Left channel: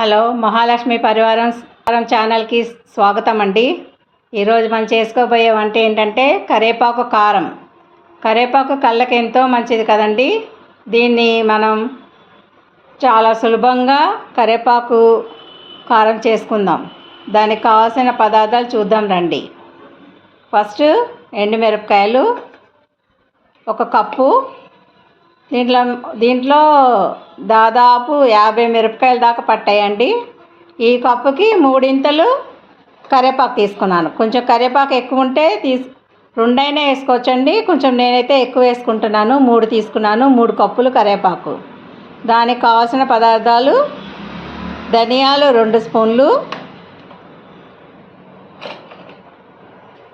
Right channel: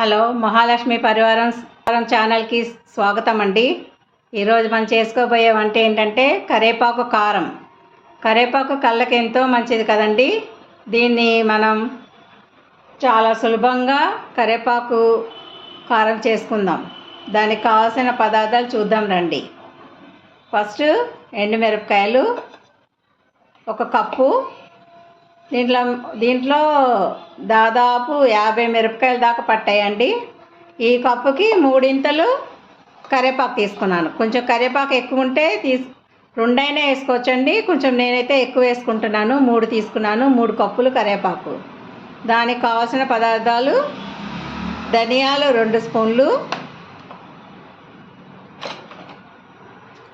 Hello Mahalakshmi పరివారం పరివారం ఛానల్కి స్వాగతం అండి ఈరోజు మనం చేసుకోబోయే వంట ఏంటంటే కరేపాకు కారం. కరేపాకు కళ్ళకి ఎంతో మంచిది కదండి. దీన్ని మనం చాలా సులభంగా కరేపాకు కారం చేసుకుందాం. దానికి కావాల్సిన పదార్థాలు చూద్దాం రండి. ఫస్ట్ ఎండుమిరపకాయలు ఒక కప్పు దీంట్లో దీంట్లో దాదాపు యాభై మిరపకాయల దాకా పట్టాయండి. ఈ కప్పుకి మూడింతలు కరివేపాకు తీసుకున్నాను. కొంచెం కరివేపాకు ఎక్కువ ఉంటే తీసు రెండైనా వేసుకోవచ్చండి. కొంచెం నేనైతే ఎక్కువ వేసుకుంటున్నాను. మూడు తీసుకున్నాను. మూడు కప్పులు కరివేపాకు దానికి కావాల్సిన పదార్థాలు ధనియాలు రెండు స్పూన్లు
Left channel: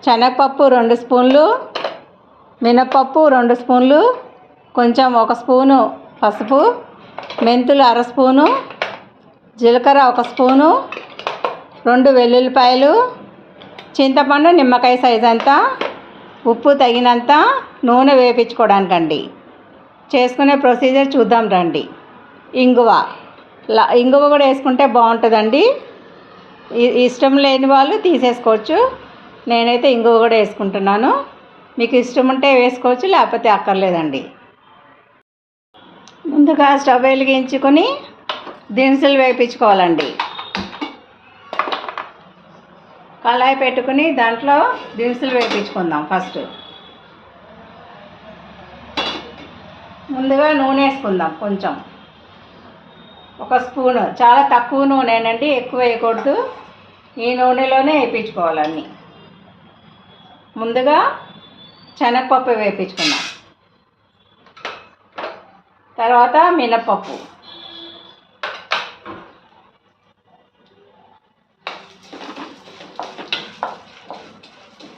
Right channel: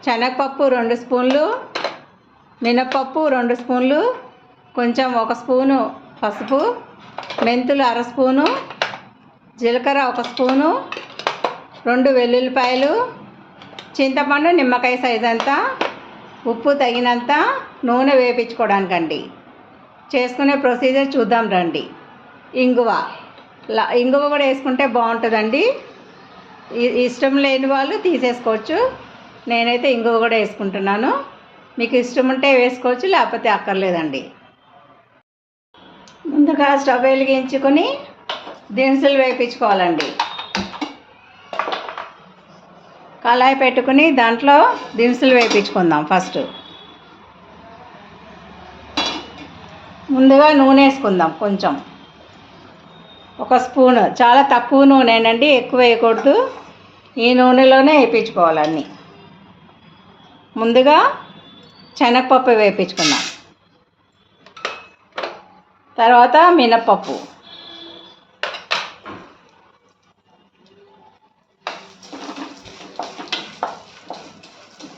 శనగపప్పు రెండు స్పూన్లు మినపప్పు రెండు స్పూన్లు కొంచెం ఒక స్పూను పసుపు మెంతులు అర స్పూను జీలకర్ర ఒక స్పూను రెండు వెల్లుల్లిపాయలు చింతపండు నిమ్మకాయ సైజ్ అంతా ఉప్పు తగినంత నూనె వేపించుకోవడానికండి. చేసుకునే ప్రొసీజర్ చూద్దాం రండి. ఇంగువ. ఇంగువ కూడా వేసుకుంటే బాగుంటుందండి. ఇష్టం లేని వాళ్ళు తీసేసుకోవచ్చు. నేనైతే ఇంగువ కూడా వేసుకుంటున్నాను. మీకు ఇష్టం ఉంటే వేసుకోవచ్చు లేకపోతే అక్కర్లేదండి. ముందుగా స్టవ్ వెలిగించుకొని దినుసులు వేయించుకోవాలండి కళాయి పెట్టుకుని దాంట్లో దినుసులు వేయించుకుందాం ఫస్ట్. ముందుగా నూనె వేసుకుందాం కొంచెం. ఒక స్పూను చాలా తక్కువ నూనెనండి ఎక్కువ వేయకూడదు. ఈ నూనెలోనే వేయించుకోవాలన్నీ ముందుగా శనగపప్పు వేయించుకుందాం తర్వాత మినపప్పు.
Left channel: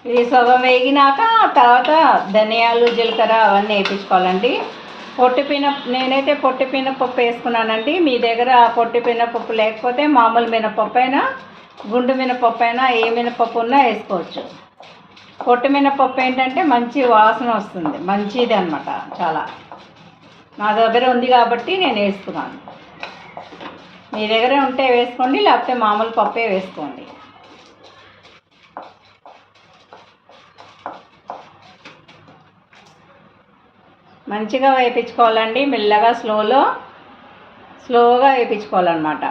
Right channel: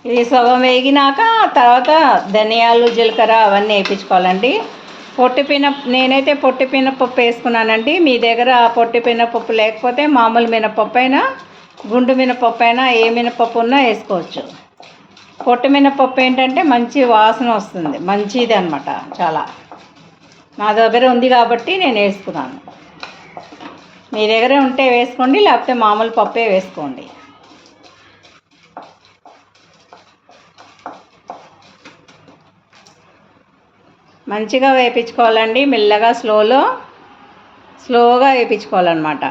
ఇది సగం వేగినాక తర్వాత ధనియాలు జీలకర్ర అవన్నీ వేయించుకోవాలండి. పొట్టి పిన నేనైతే పొట్టి పినపప్పు వేసుకున్నానండి. మీ దగ్గర పొట్టి పినపప్పు లేకపోతే మామూలు మినపప్పు అయినా గుండు మినపప్పు అయినా ఏ మినపప్పు ఉన్నా వేసుకోవచ్చు. పొట్టి మినపప్పు ఏంటంటే మంచి వాసన వస్తుంది. మంచిది అనమాట చాలా. నా దగ్గర ఉంది కాబట్టి నేను వేసుకున్నాను. మీ దగ్గర ఉంటే వేసుకోండి లేకపోతే మామూలు పప్పే వేసుకోండి. మంచిగా వేయించుకోవాలండి మెల్లగా స్లోలో స్లోగా వేయించుకోవాలన్నమాట.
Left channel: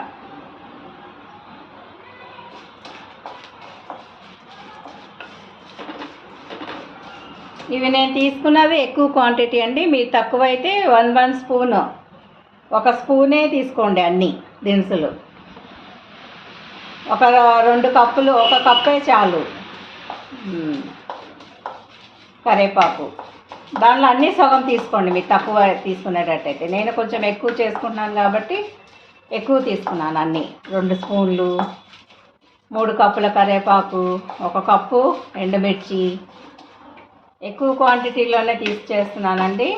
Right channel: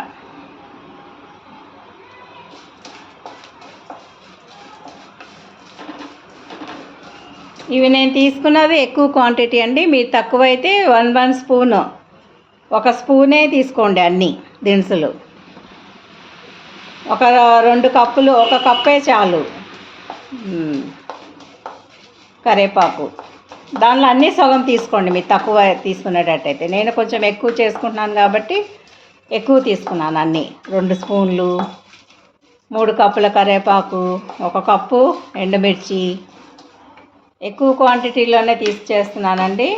ఇవి నేను తీసుకున్నది ఎక్కువ క్వాంటిటీ అండి. మీరు తక్కువైతే వన్ వన్ స్పూన్ ఒక స్పూనే తీసుకోండి అన్నీ దినుసులు. ఒక రెండు కప్పులు ఒక కప్పే చాలు. కరేపాకు. దానిలో అన్నీ సగం తీసుకోండి మీరు తక్కువ తీసుకునేటట్టయితే. నేను కొంచెం ఎక్కువ చేసుకుంటున్నాను కాబట్టి ఎక్కువ తీసుకున్నాను అన్నీ. రెండు స్పూన్లు మూడు కప్పుల కరివేపాకు ఒక కప్పు ఎండుమిర్చి ఎక్కువ క్వాంటిటీలోనే తీసి చేస్తున్నానండి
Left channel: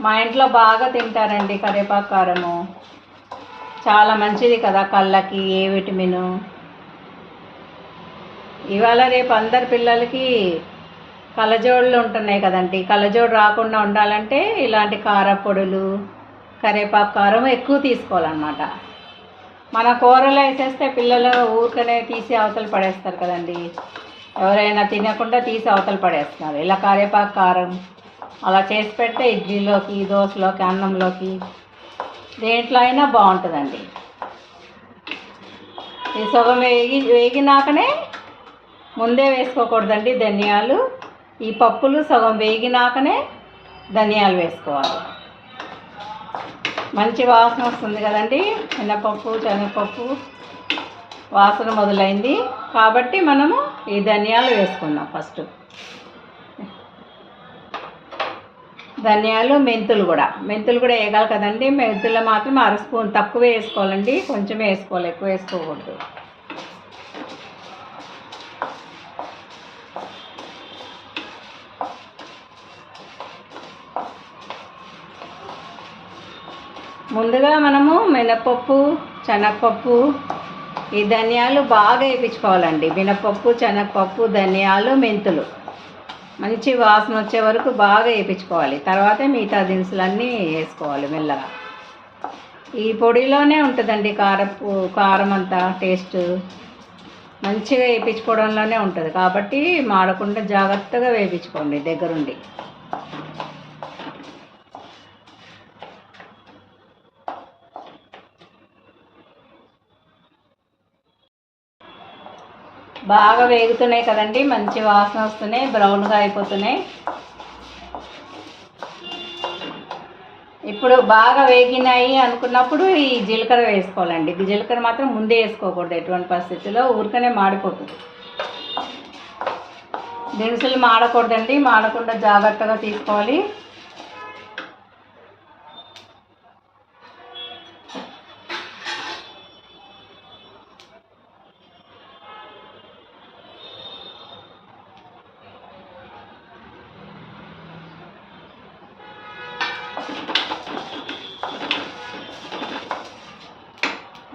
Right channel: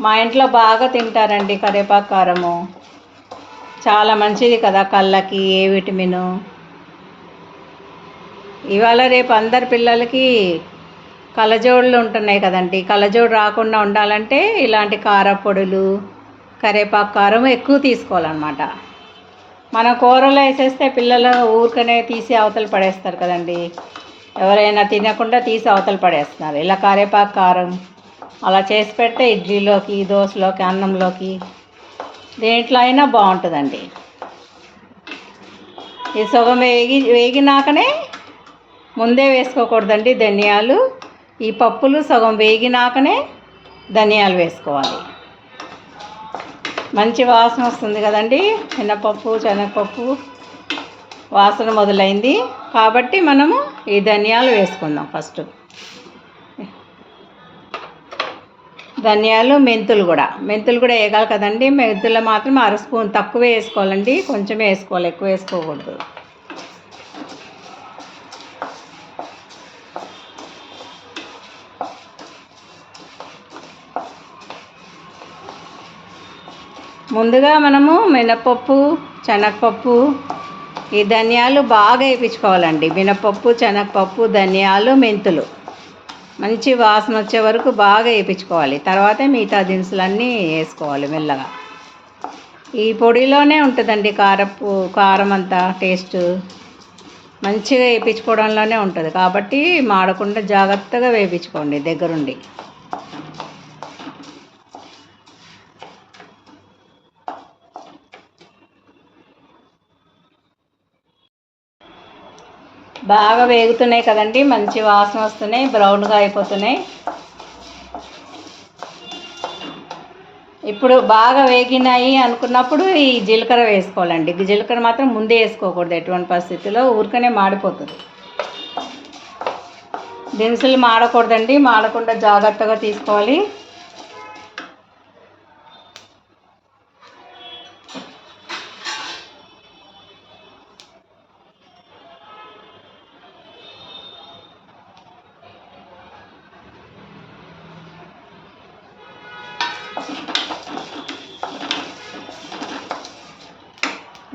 మా ఇంట్లో బాగా తింటారండి కరివేపాకు కారము. చాలా మంచిది కదా కళ్ళకి ఏ విటమిన్. ఇవాళ రేపు అందరి పిల్లలకి కళ్ళజోడులు ఉంటున్నాయి కదండి. కళ్ళజోడు రాకుండా ఉండాలంటే ఇలాంటి కారపొడులు కరివేపాకు కారం ఎక్కువ తీసుకోవాలన్నమాట. మన కూరలో వేసేస్తే పిల్లలు ఊరికనే తీసి అవతలు పడేస్తారు కదండి. ఎవరైనా తినకుండా తీసి అవతల పడేస్తున్నారు. ఇలా కారేపాకు కారం అలా చేసి పెడితే ఇడ్లీలోకి దోశలోకి అన్నంలోకి దేంట్లో అయినా బాగుంటుందండి. ఈ సగం వేగి వేగినాకనే ముందే వేసుకోకూడదండి ధనియాలు. ఈ పప్పులు సగం వేగినాకనే ధనియాలు వేసుకోవాలి. మంచి వాసన వస్తుంది కదండి. మినపప్పు శనగపప్పు. వాసన మొదలైంది. కాబట్టి మనము ఈ ధనియాలు వేసుకుందాం ఫస్ట్. ధనియాలు మెంతులు కూడా. మెంతులు కూడా వేయగలరు కదండి. మెంతులు మాత్రం అర స్పూన్ తక్కువే వేసుకోవాలండి. కొంచెమే వేసుకోవాలి. ఎక్కువ వేసుకోకూడదు. ముందుగా మనము మినపప్పు శనగపప్పు ఈ ధనియాలు బాగా వేయించుకోవాలండి మినపప్పు శనగపప్పు ధనియాలు మెంతులు. మంచి వాసన వచ్చే వరకు బాగా వేయించుకోవాలి తర్వాత మిగతా దినుసులన్నీ వేసుకోవాలి మెల్లగా. ఈ పొడిలోనే ఉంటుందండి కారపు కారం అంతా టేస్ట్. మంచిగా వేయించుకోవడంలోనే ఉంటుంది. కాబట్టి మాడకుండా జాగ్రత్తగా వేయించుకోండి దగ్గరుండి. బాగా వేగుతున్నాయి కదండి మంచి వాసన వస్తున్నాయి బ్రౌన్గా అయిపోతున్నాయి. ఇప్పుడు బాగా వేగినాయి అనుకున్నప్పుడు ఈ జీలకర్ర వేసుకోవాలండి. ఇది జీలకర్ర మాత్రం ముందే వేసుకోకూడదు ఎటువంటి పరిస్థితిలో ఊరికనే మాడిపోతుంది. దినుసులు మాడకూడదండి మాడకుండా జాగ్రత్తగా తీసుకోవాలి.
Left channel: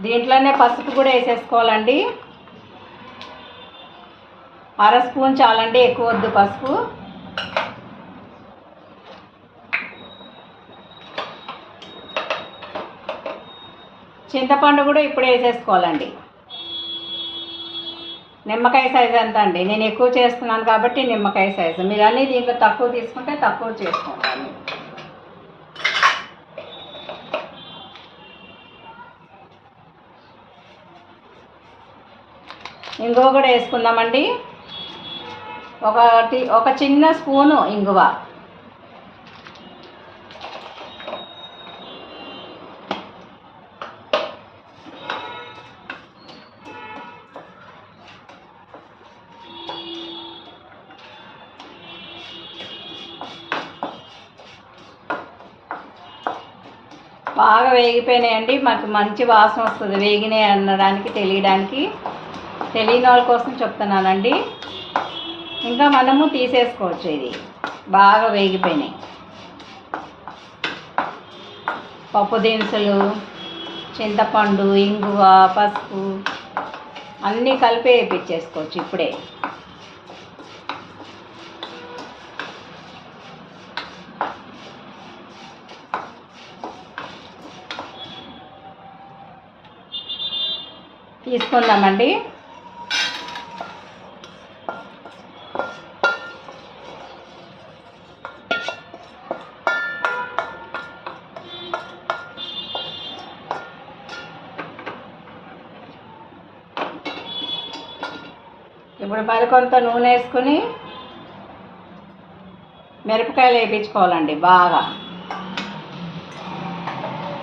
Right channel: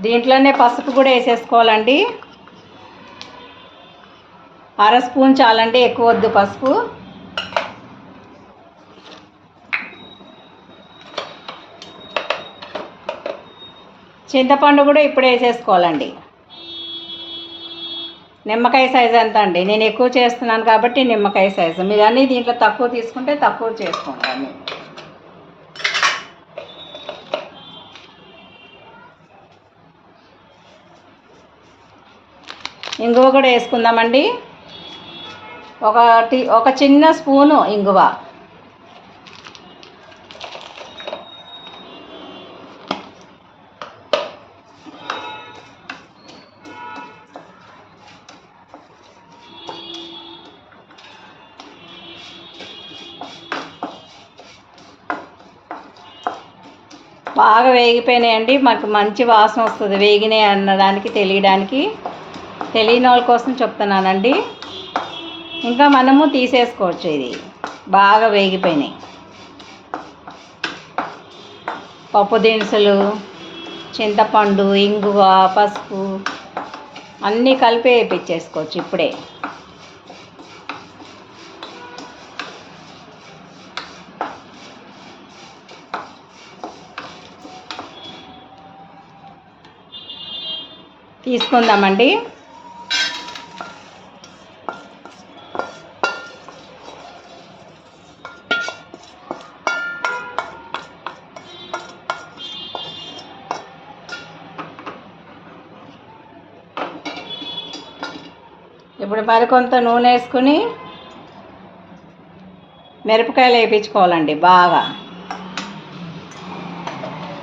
దీంట్లోనే పసుపు కూడా వేసేసుకోవాలండి. అర స్పూన్ చాలండి ఎక్కువ వద్దు పసుపు. చింతపండు కూడా ఇప్పుడే వేసేసుకోవాలండి. నిమ్మకాయ సైజ్ ఎంత అండి? నేను ఎక్కువ చేస్తున్నాను కాబట్టి నిమ్మకాయ సైజు. మీరు అన్నీ దీంట్లో తక్కువ తీసుకుంటే తక్కువ చేసుకుంటాను ఇంగువ కూడా వేసుకుందామండి. ఒకటి ఒక చిన్న స్పూను ఇంగువ. బాగా వేగిపోయినాయండి. మాకు మంచి వాసన వస్తుంది వేగినాయి అనడానికి తెలియడానికి. తెలియని వాళ్ళ కోసం చెప్తున్నానండి. ఇంకా మనము తీసేసుకోవచ్చు ఇది. బాగా వేగిపోయినాయి. పప్పు దినుసులు చింతపండు ఇంగువ పసుపు అన్నీ కలిపి వేయించేసుకోవచ్చు ఇప్పుడే. తీసుకుందామండి. కొంత నూనె వేసుకుని మిరపకాయలు వేయించుకోవాలండి బాగా.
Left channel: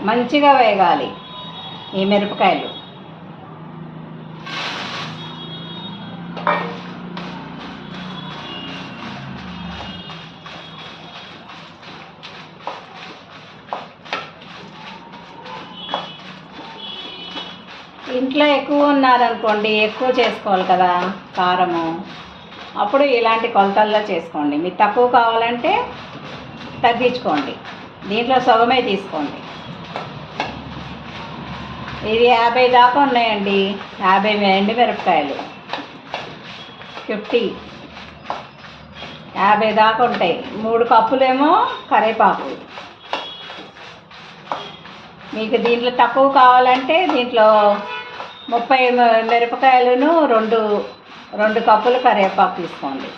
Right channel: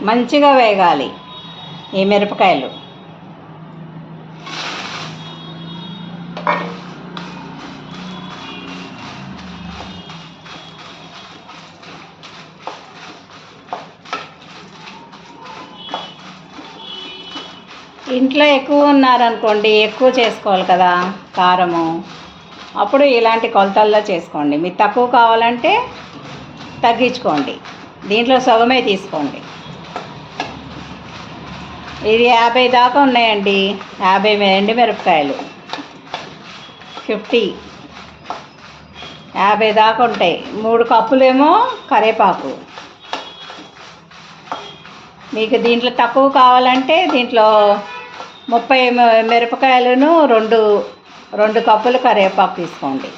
మంచిగా వేగాలి ఈ మిరపకాయలు. ఇంట్లో ఎక్కువ ఉన్నారనుకోండి ఎక్కువ చేసుకోవాలి కదా కారము. అప్పుడు ఇలాంటి కొలతల్లో చేసుకోండి. మీకు తక్కువ కావాలంటే తగ్గించుకోండి. దీంట్లో సగమే తీసుకోండి. ఇది యాభై దాకా ఉన్నాయండి. యాభై ఎండు మిరపకాయలు. ఫిఫ్టీ. యాభై దాకా ఉంటాయి. మూడు కప్పులేమో కరేపాకు. మీకు దీంట్లో తక్కువ కావాలంటే దీంట్లో ముప్పై మిరపకాయలను రెండు రెండు కప్పులు కరివేపాకు తీసుకోండి.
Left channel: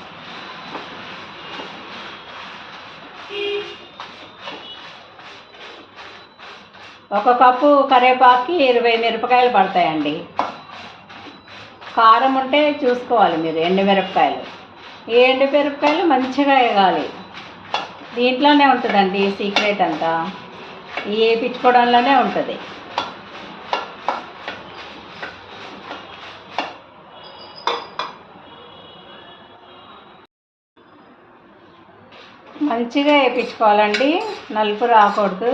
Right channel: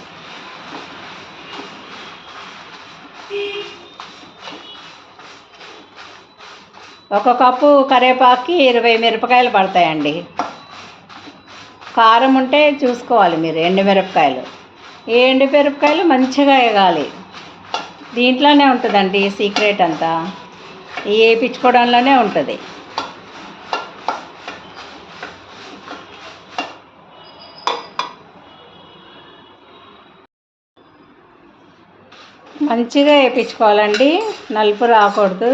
ఒక కప్పు కరివేపాకుకి ఇరవై మిరపకాయలు పడతాయండి. కారం ఉంటే చూసుకోవాలి మీరు ఎండు మిరపకాయలు. ఈ ఎండు మిరపకాయలు మంచిగా వేగాలి. దీంట్లోనే ఉంటుందండి సీక్రెట్ అంతా. వేయించుకోవడంలోనే ఉంటుంది. మంచిగా వేయించుకోవాలండి నలుపు రాకూడదు.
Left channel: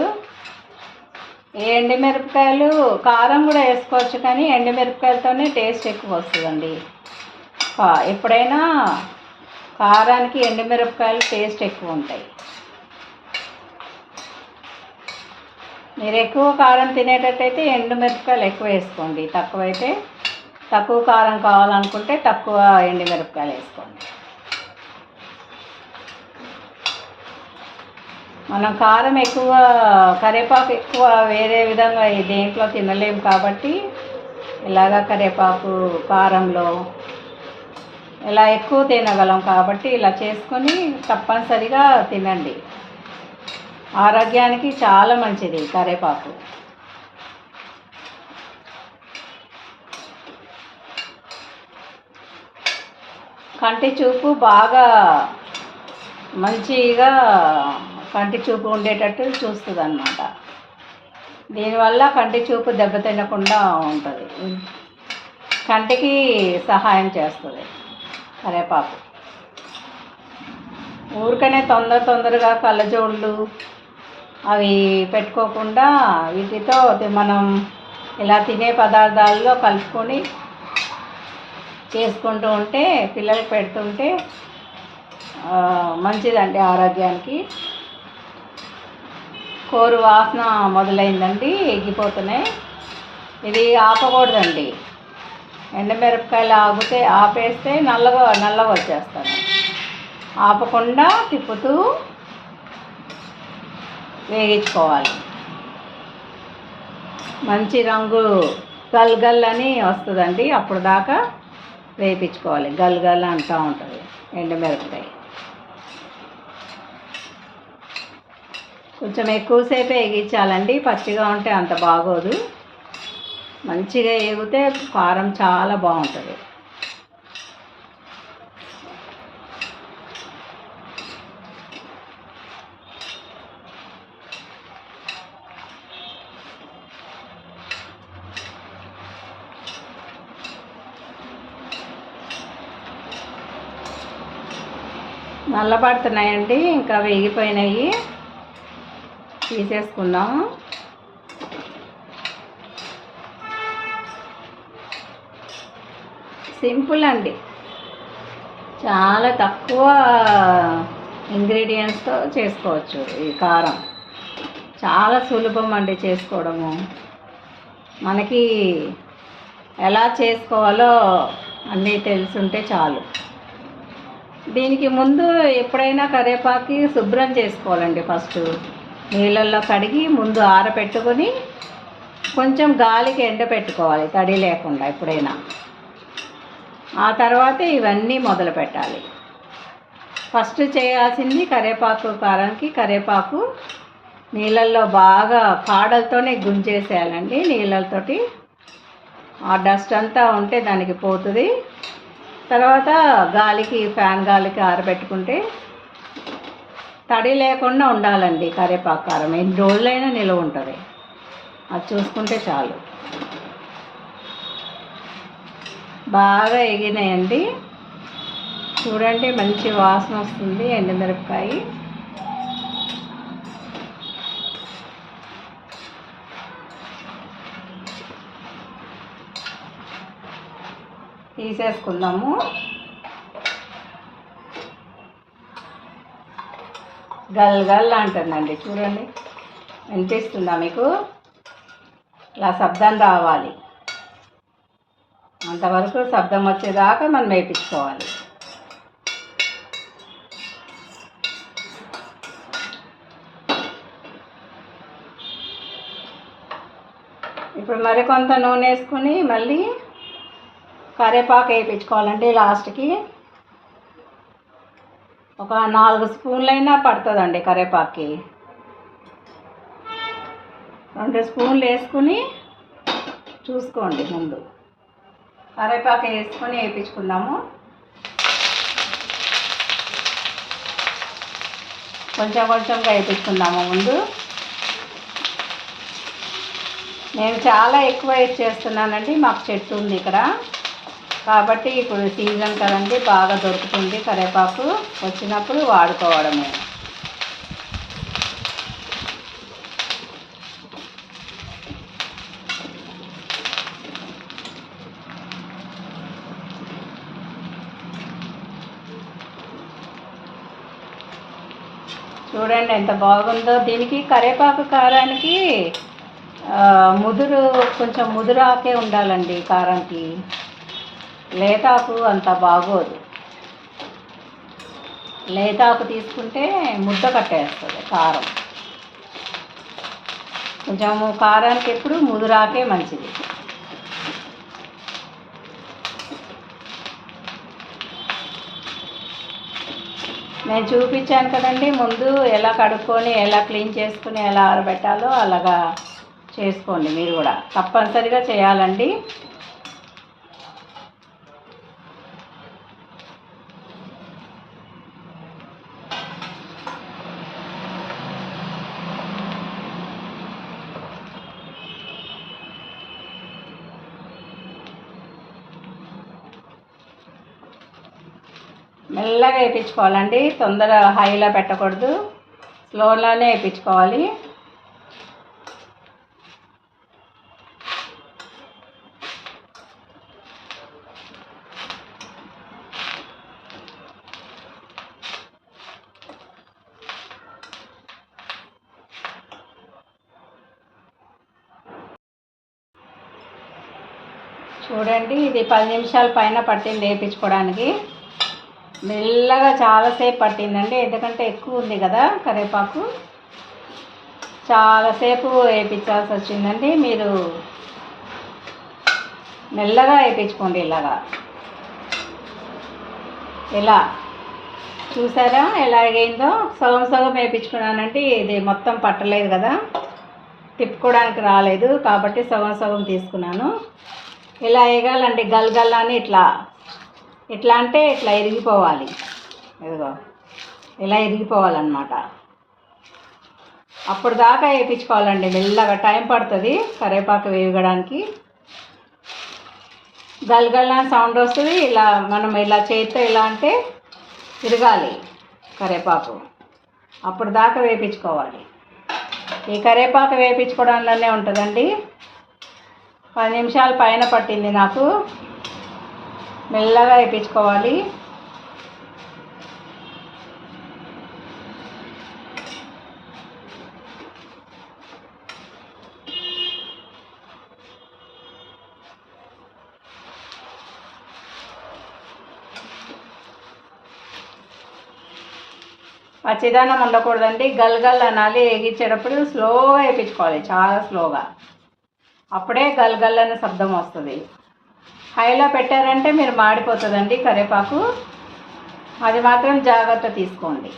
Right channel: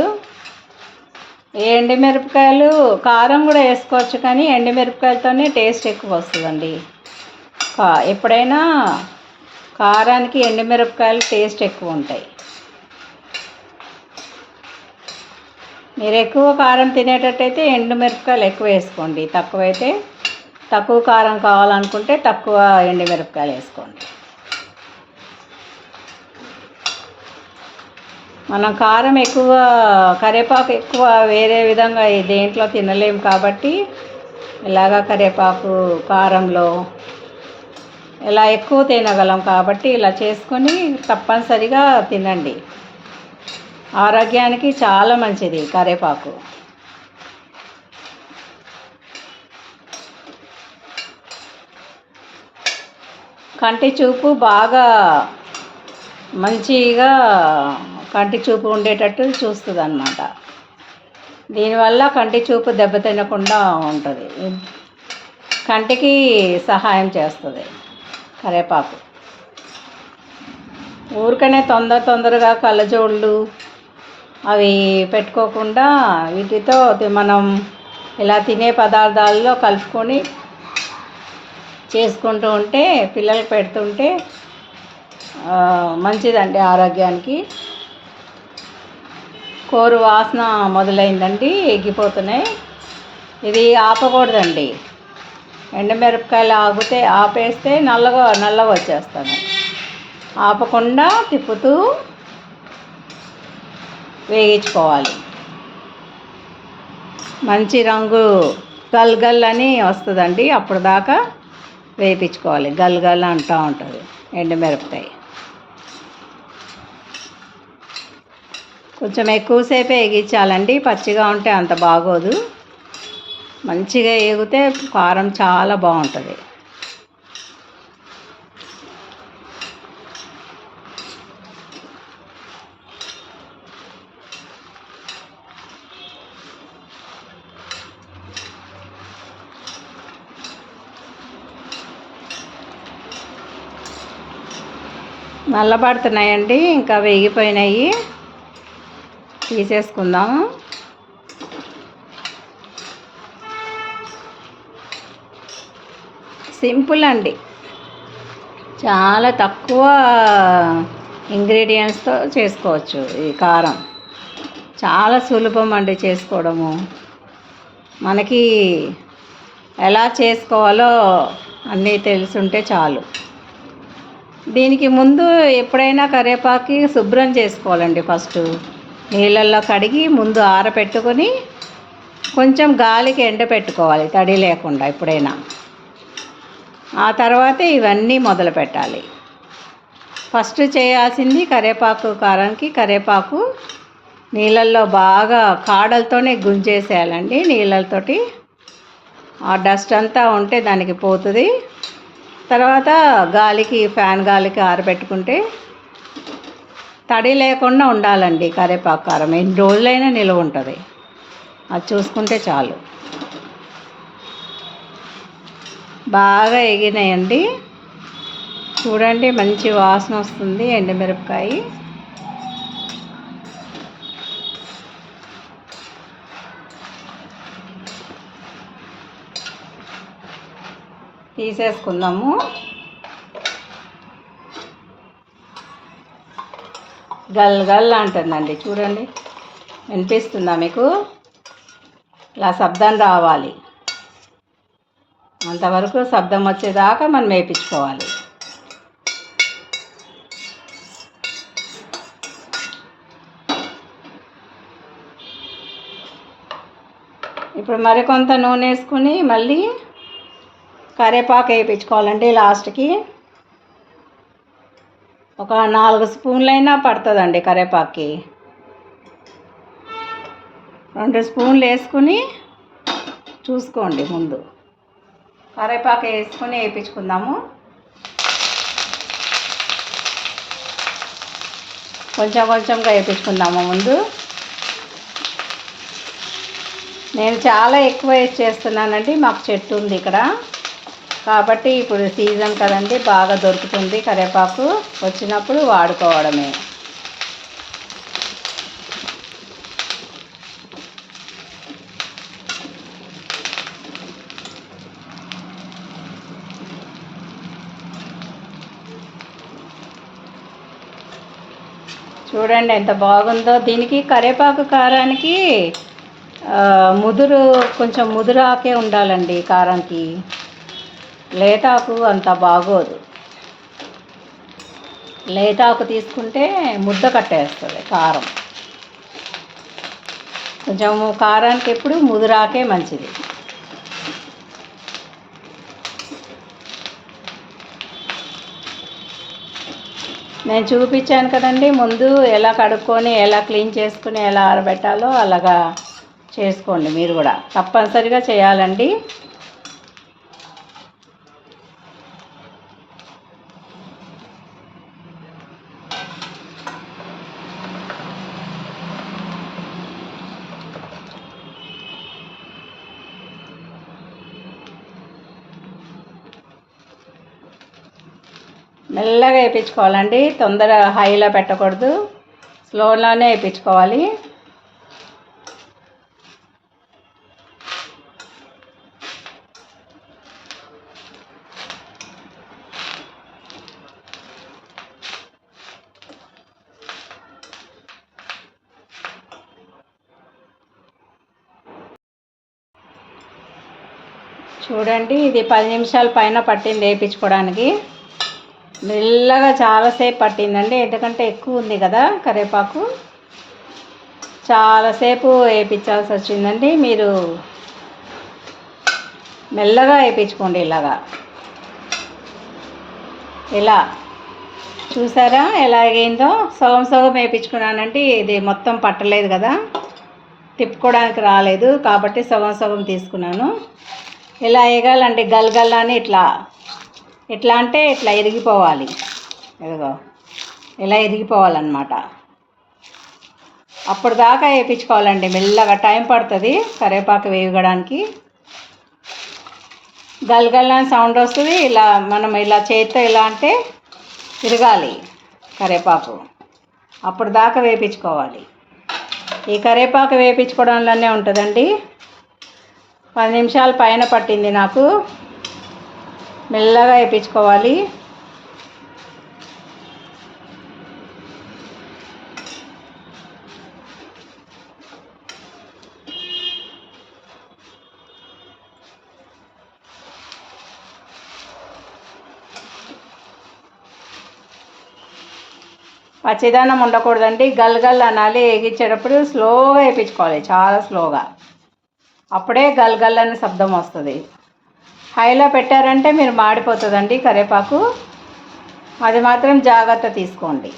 ఎండుమిరపకాయలు? కారం కూడా వేసుకోవచ్చు కానీ ఎండుమిరపకాయలతోనే టేస్ట్ ఎక్కువ వస్తుందండి. ఎప్పుడైనా కారానికి ఎండుమిరపకాయలు టేస్ట్ ఎక్కువ ఉంటాయి. మీరు ఎక్కువ కారం తినేటట్టయితే ఎండుమిరపకాయలు ఎక్కువ వేసుకోండి. తక్కువైతే తక్కువ కారం కావాలనుకుంటే తక్కువ ఎండుమిరపకాయలు వేసుకోండి. మనం కారం ఎక్కువ కరివేపాకు ఎక్కువ వేరే విధంగా దేంట్లో తినలేము కాబట్టి ఇలాగా కరివేపాకు కారంలో ఇలా ఎక్కువ తినగలం కాబట్టి ఇలా చేసుకొని తప్పనిసరిగా తినండి. ఆరోగ్యానికి చాలా మంచిది కరివేపాకు కంటి చూపు బాగా మంచిగా కంటి చూపు ఉండేటట్టు చూస్తుంది అన్నమాట దీనివల్ల కంటి చూపు దెబ్బతినకుండా ఉంటుంది. కంటికి సహాయం చేస్తుంది కరేపాకు. ఊరికనే తొందర తొందరగా కళ్ళజోళ్ళు అవి పెట్టుకోకుండా వీటితో మనం ఇలా తినే పదార్థాల్లో కలుపుకొని చేసుకుంటూ ఉంటే పిల్లలకు పెడుతుంటే మంచిదండి ఆరోగ్యానికి. కోరు వాసన మొదలైందండి ఎగ్గిపోతున్నాయి ఇది ఆపకూడదండి. ఎండమిరపకాయలు ఆగితే ఆపేస్తే నల్లగా నల్లగా వచ్చేస్తాను ఆపకుండా తిప్పుతూ వేయించుకోవాలి. మంచి రంగు గల్గల్ అని వస్తుందండి. అప్పుడు దాకా వేయించుకోవాలి గల్గల్ అంటూ ఉంటుంది ఎండుమిరపకాయ. కొంచెం ఎక్కువసేపే వేగించాలండి పచ్చిగా ఉంటే అంత బాగోదు. మంచిగా వేగితే కారం చాలా బాగుంటుంది. నల్లబడుతున్నాయండి. ఇంకా వేగిపోయినాయి. తీసేసుకుందాము సింపుల్ అండి. చాలా తక్కువ ఇంగ్రీడియంట్స్తో చేసుకోవచ్చు ఈ కారం. చాలా సులభం అండి చేసుకోవడము. మనకి ఎలా చేసుకోవాలో అన్నీ తెలుసుంటే చాలు. దీనికి ముందు ఎప్పుడైనా కరివేపాకి శుభ్రం చేసుకోవాలండి ఫస్ట్. నీళ్ళల్లో కడిగి ముందు ఆరబెట్టుకొని కొంచెం గాలికి ఎండబెట్టుకోవాలి తడి లేకుండా ఎప్పుడైనా. ఆ తర్వాత ఇవన్నీ మొదలు పెట్టాలి. ఫస్ట్ చేయాల్సింది కరివేపాకు కారానికి కరివేపాకు నీళ్ళల్లో బాగా కాడలతోనే గుంజేసేయాలండి నీళ్ళతోటి. ఆ డస్ట్ అంతా ఉంటే దానికి పోతుంది. తర్వాత గాలికి ఫ్యాన్ గాలికి ఆరబెట్టుకుంటే తడి లేకుండా ఉండాలండి కరివేపాకు కారం ఎన్ని రోజులైనా నిలువ ఉంటుంది. అది చూసుకుంటే చాలు. బాగా ఎగినాయండి చూడండి మంచి వాసన వస్తుంది ఎండుమిరపకాయ. తీసేసుకుందాము. గల్ గల్ అంటుందండి. చూడండి. వినిపిస్తుందా మీకు? ఇలా శబ్దం రావాలి. అంతవరకు శబ్దం వచ్చేదాకా మనం వేయించుకోవాలి ఇప్పుడు మరికొంత నూనె వేసుకుని మళ్ళీ కరివేపాకు వేయించుకోవాలండి లాస్ట్కి. ఒక నాలుగు స్పూన్లైనా పడుతుందండి కరేపాకి. రెండు స్పూన్లు వేసుకుని చూసుకోండి ముందు. కరేపాకు వేసుకొని వేయించుకుందాము. కొంచెం కొంచెంగా వేయించుకుందాము ముందు. నేను చాలా ఎక్కువ వేసి చేస్తున్నానండి మాకు చెట్టు ఉంది ఇక్కడ. కాబట్టి ఇప్పుడు సీజన్ కదండి బాగా దొరుకుతుంది కరివేపాకు. వచ్చినప్పుడు వాడుకోవడమే. చూడండి ఎంత బాగుందో. దీనికి కరివేపాకు కారానికి ముదురు కొంచెం ముదురాకే ఉండాలండి కారంకి లేతాకు అంత బాగోదు. లేతాకు తీసుకుంటే ముద్ద కట్టేస్తుంది కారం. కొంచెము కారానికి ఎప్పుడు ముదురాకే మంచిది. నేను చూపించాను కదండి ముందు ఎలా కడుక్కొని ఎలా క్లీన్ చేసుకుని ఎలా ఆరబెట్టాలో అలాగా చేసుకోండి మీరు కూడా. తప్పనిసరిగా చేయాలండి. మెల్లగా వేయించుకోవాలండి. తొందర హైలో పెట్టకూడదు. స్లోలోనే వేయించుకోవాలి. చూడండి ఇది పది నిమిషాల పైన పట్టింది వేయించుకోవడానికి. మెల్లగా చాలాసేపు పట్టిందండి. ఎందుకంటే ఎక్కువ ఉంది కదా కరివేపాకు. చాలాసేపు వేయించాల్సి వచ్చిందండి. మీరు మెల్లగా వేయించుకోండి ఇలాగా. ఇలా. చూసారా ఎలా అయిందో సగం సగం వేయించుకున్నానంటే ఇది మొత్తం పట్టలేదు కదా. తిప్పుకోవడానికి రాలేదు. కాబట్టి సగం సగం తీసుకున్నాను. ఇలా వేయగాలండి గల్గల్లా అని ఇట్లా ఎట్లా అంటే ఇట్లా ఇరిగిపోవాలి ఇదిగో ఇలా ఇరిగిపోవాలన్నమాట అప్పుడు దాకా వేయించుకోవాలండి. మెల్లగా టైం పడుతుంది. కరివేపాకు వేయడానికి గల్గల్లా సౌండ్ వస్తుంది. ఇలా మనం ఇలా చేతితో ఇలా అంటే తిరగాలి కరివేపాకు. అప్పుడు దాకా వేయించుకోవాలి. ఈ కరివేపాకు వేయించుకోవడంలోనే ఉంటుందండి. పది నిమిషాల పైన పట్టింది నాకు. మెల్లగా వేయించుకోవాలి పచ్చిదానం ఉండకూడదండి. గల్గల్ అనాలి. వేగించేటప్పుడు స్లోగా వేయించుకోవాలి చాలా స్లోగా. అప్పుడే గల్గల్ అనే శబ్దం వస్తుంది. హైలో పెట్టారంటే మీరు మాడిపోతుందండి కరివేపాకు అది మాత్రం జాగ్రత్త తీసుకోండి.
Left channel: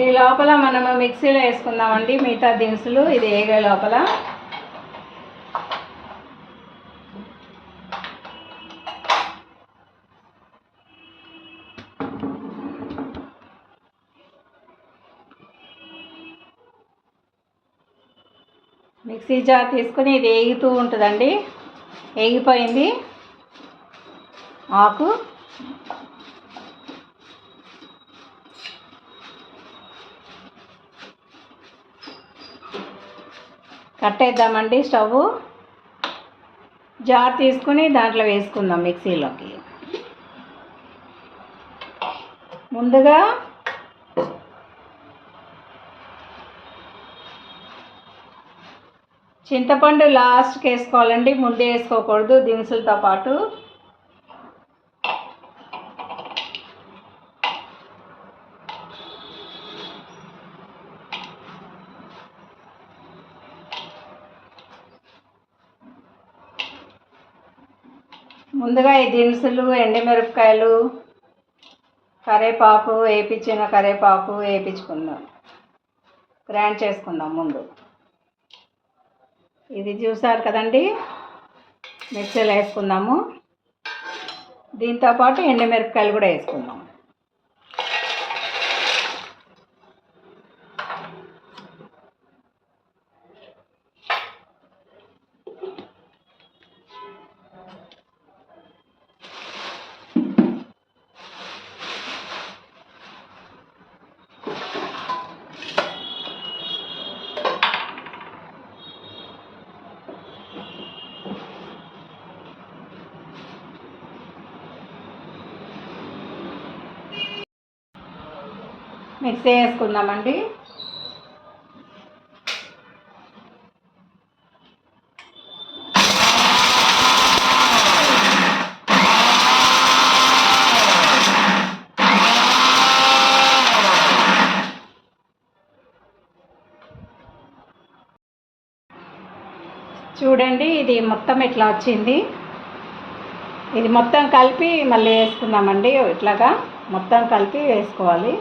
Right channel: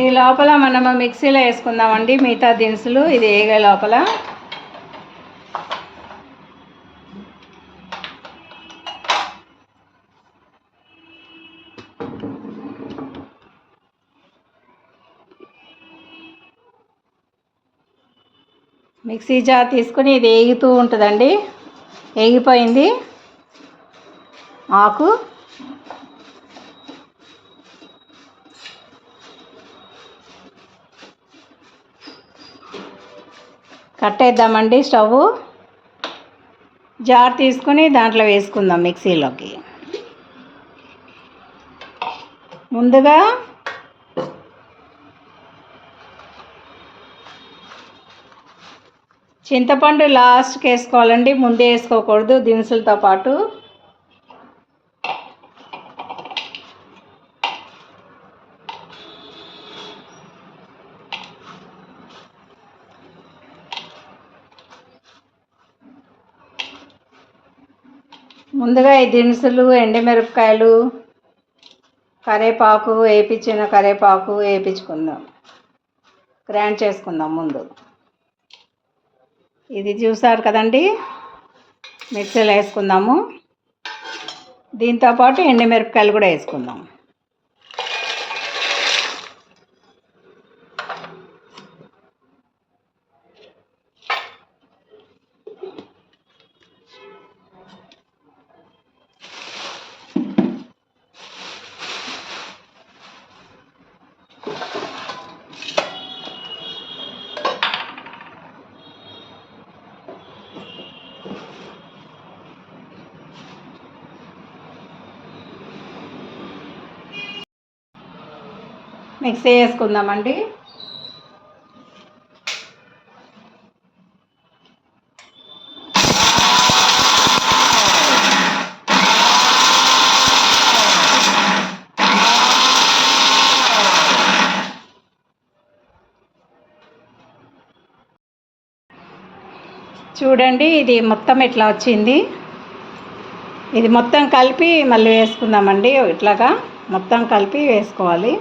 ఈ లోపల మనము మిక్సీలో వేసుకుందామండి. మిగతా దినుసులు ఇది వేగే లోపల. మిక్సీ జార్ తీసుకొని ఇది వేగుతూ ఉంటుందండి. వేగిపోయింది. ఆకు. పట్టేద్దామండి స్టవ్ జార్ తీసుకుని దాంట్లో వేసుకుందాం మిక్సీలోకి. ముందుగా చింతపండు లాస్ట్కి వేసుకోవాలండి ముందే వేసుకోకూడదు దినుసులతో పాటు. ముందుగా ఈ దినుసులు ఎండిమిరపకాయలు కరేపాకు వేపించిన కరేపాకు వేపించుకుందాం గ్రైండ్ చేసుకుందాం ముందు. ఇది చూసారు కదండి? మిక్సీలో వేసుకుందాము. దీంతోపాటు ఎండుమిరపకాయలు కూడా వేసుకుందాం. మిక్సీ వేసుకుందామండి చూడండి ఇది మొత్తం ఇట్లా వచ్చింది? ఇది మొత్తం కలిపి మళ్ళీ వేసుకుందామండి ఇట్లాగా మొత్తం కలిపి వేసుకోవాలి.